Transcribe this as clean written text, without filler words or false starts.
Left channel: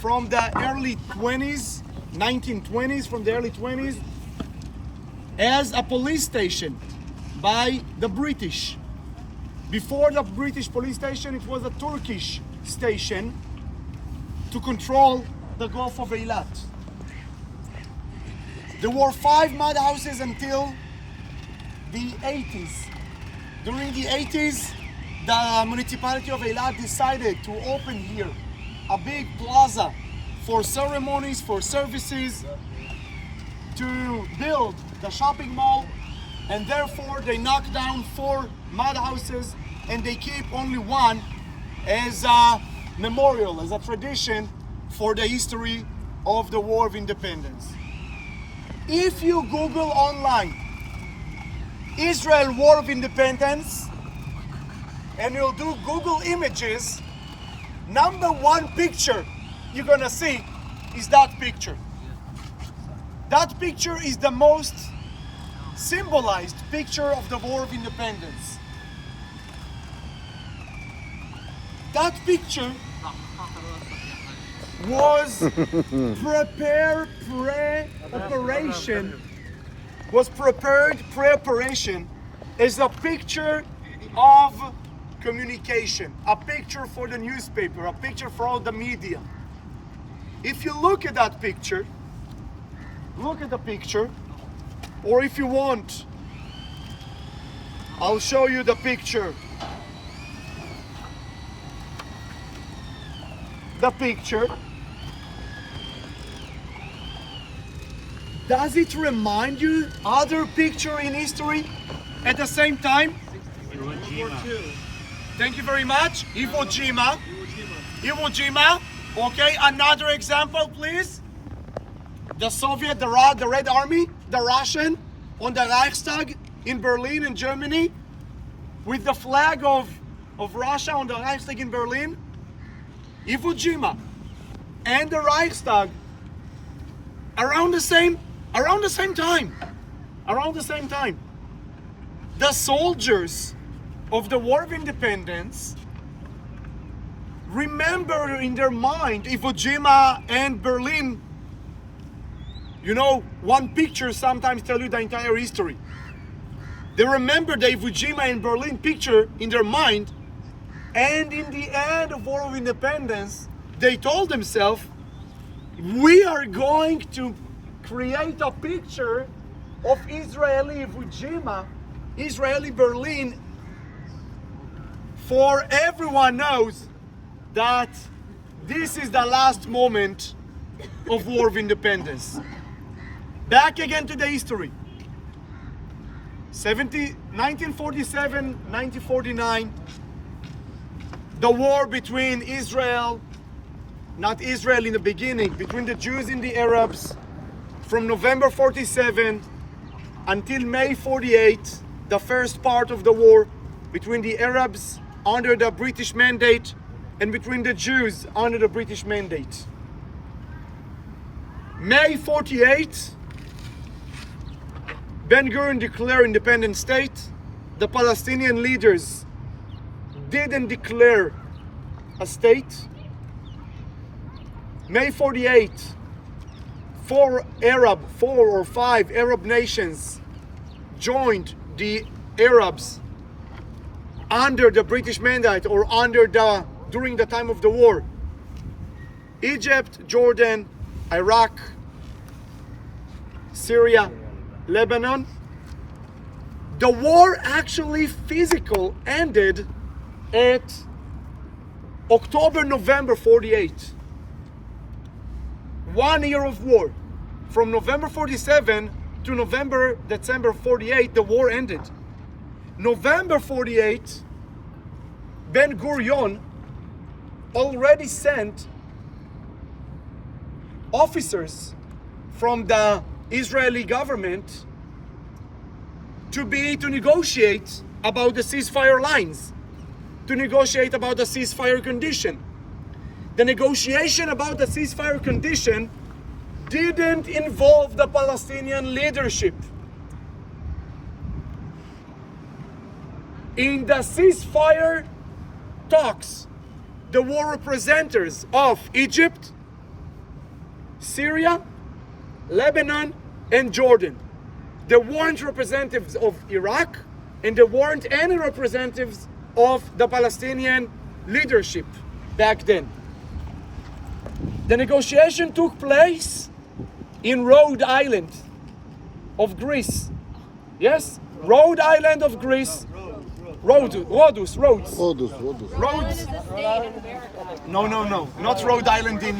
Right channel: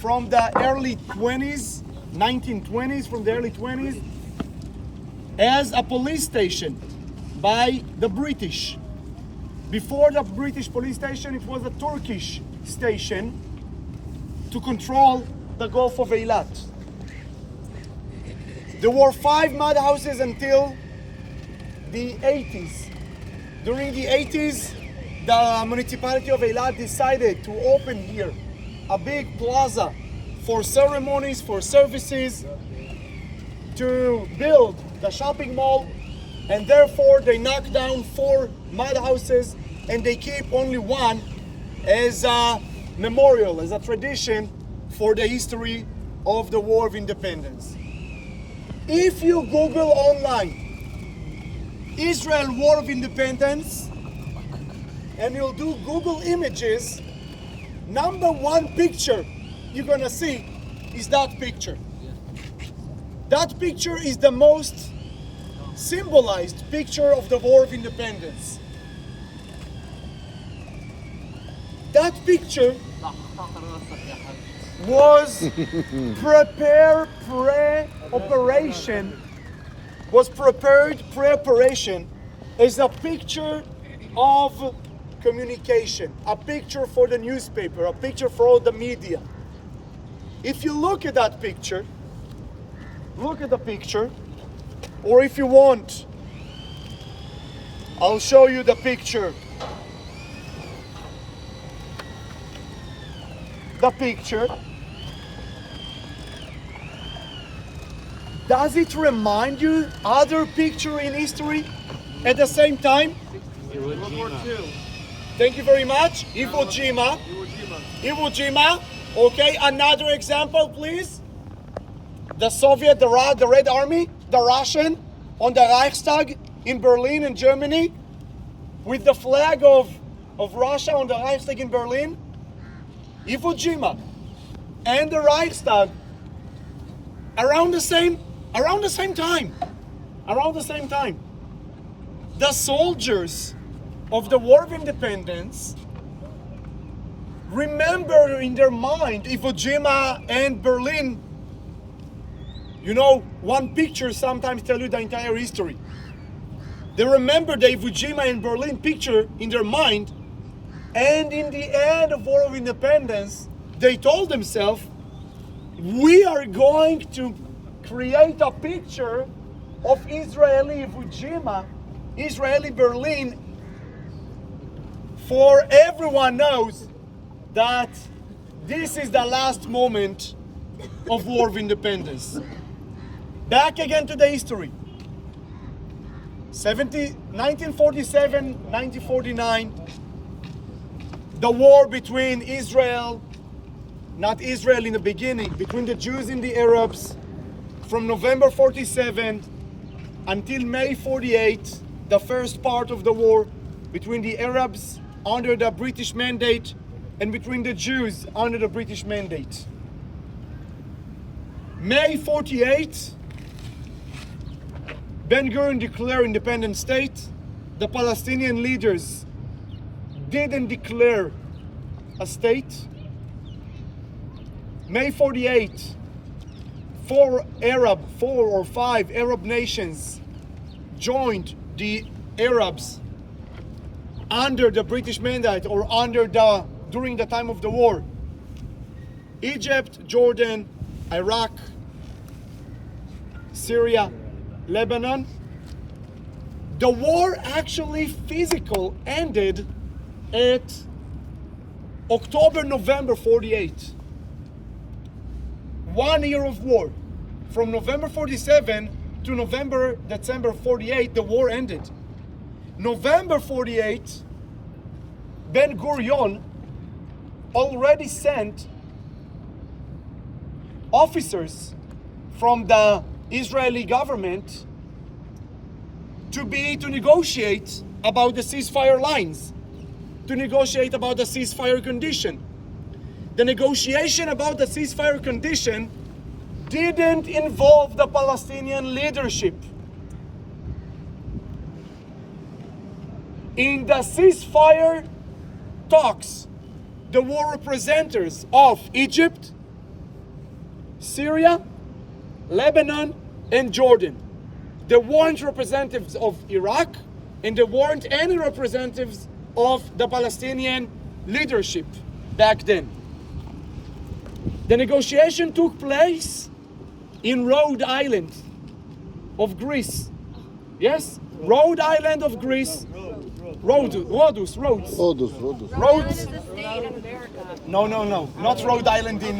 from the early 20s, 1920s, from the early 20s, as a police station by the British. Before the British police station, it was a Turkish station to control the Gulf of Eilat. There were 5 mud houses until the 80s. During the 80s, the municipality of Eilat decided to open here a big plaza for ceremonies, for services, to build the shopping mall, and therefore they knocked down 4 mud houses and they keep only one as a memorial, as a tradition for the history of the War of Independence. If you Google online Israel War of Independence and you'll do Google images, number 1 picture you're gonna see is that picture. That picture is the most symbolized picture of the War of Independence. That picture was prepared pre-operation as a picture of communication, a picture for the newspaper, a picture for all the media. If you look at that picture, look at the picture, or if you want, I'll show you the picture. The picture. Does it remind you other picture in history at the same time? World War II. Thank you very much. Iwo Jima. Iwo Jima. Okay, another example, please. The Soviet, the Red Army, the Russian on the Reichstag in Berlin in Germany, with the flag of Russia on the Reichstag in Berlin. Iwo Jima and the Reichstag around the same time. The soldiers of the War of Independence remember in their mind Iwo Jima and Berlin. You know, one picture sometimes tells you the entire history. They remember the Iwo Jima and Berlin picture in their mind, and in the end of War of Independence, they told themselves, we are going to create a picture of Israeli Iwo Jima, Israeli Berlin, for everyone knows that this is the last moment of War of Independence. Back again to the history. 1947, 1949, the war between Israel, not Israel in the beginning, between the Jews and the Arabs, from November 47 until May 48, the first part of the war between the Arabs under the British mandate and between the Jews under the British mandate. May 48, Ben-Gurion declared independent state. The Palestinian leaders didn't declare a state. May 48, 4 or 5 Arab nations joined the Arabs under the British mandate or during the time of the war. Egypt, Jordan, Iraq, Syria, Lebanon. The war actually physical ended at October-November 48. 1 year of war. From November 47 to December 48, the war ended. November 48, Ben-Gurion already sent officers from the Israeli government to negotiate about the ceasefire lines, to negotiate about the ceasefire condition. The negotiation about the ceasefire condition didn't involve the Palestinian leadership. In the ceasefire talks, there were representatives of Egypt, Syria, Lebanon, and Jordan. There weren't representatives of Iraq, and there weren't any representatives of the Palestinian leadership back then. The negotiation took place in Rhode Island of Greece. Yes? Rhode Island of Greece. Rhodes. Rhodes. Rhodes. No, not Rhode Island in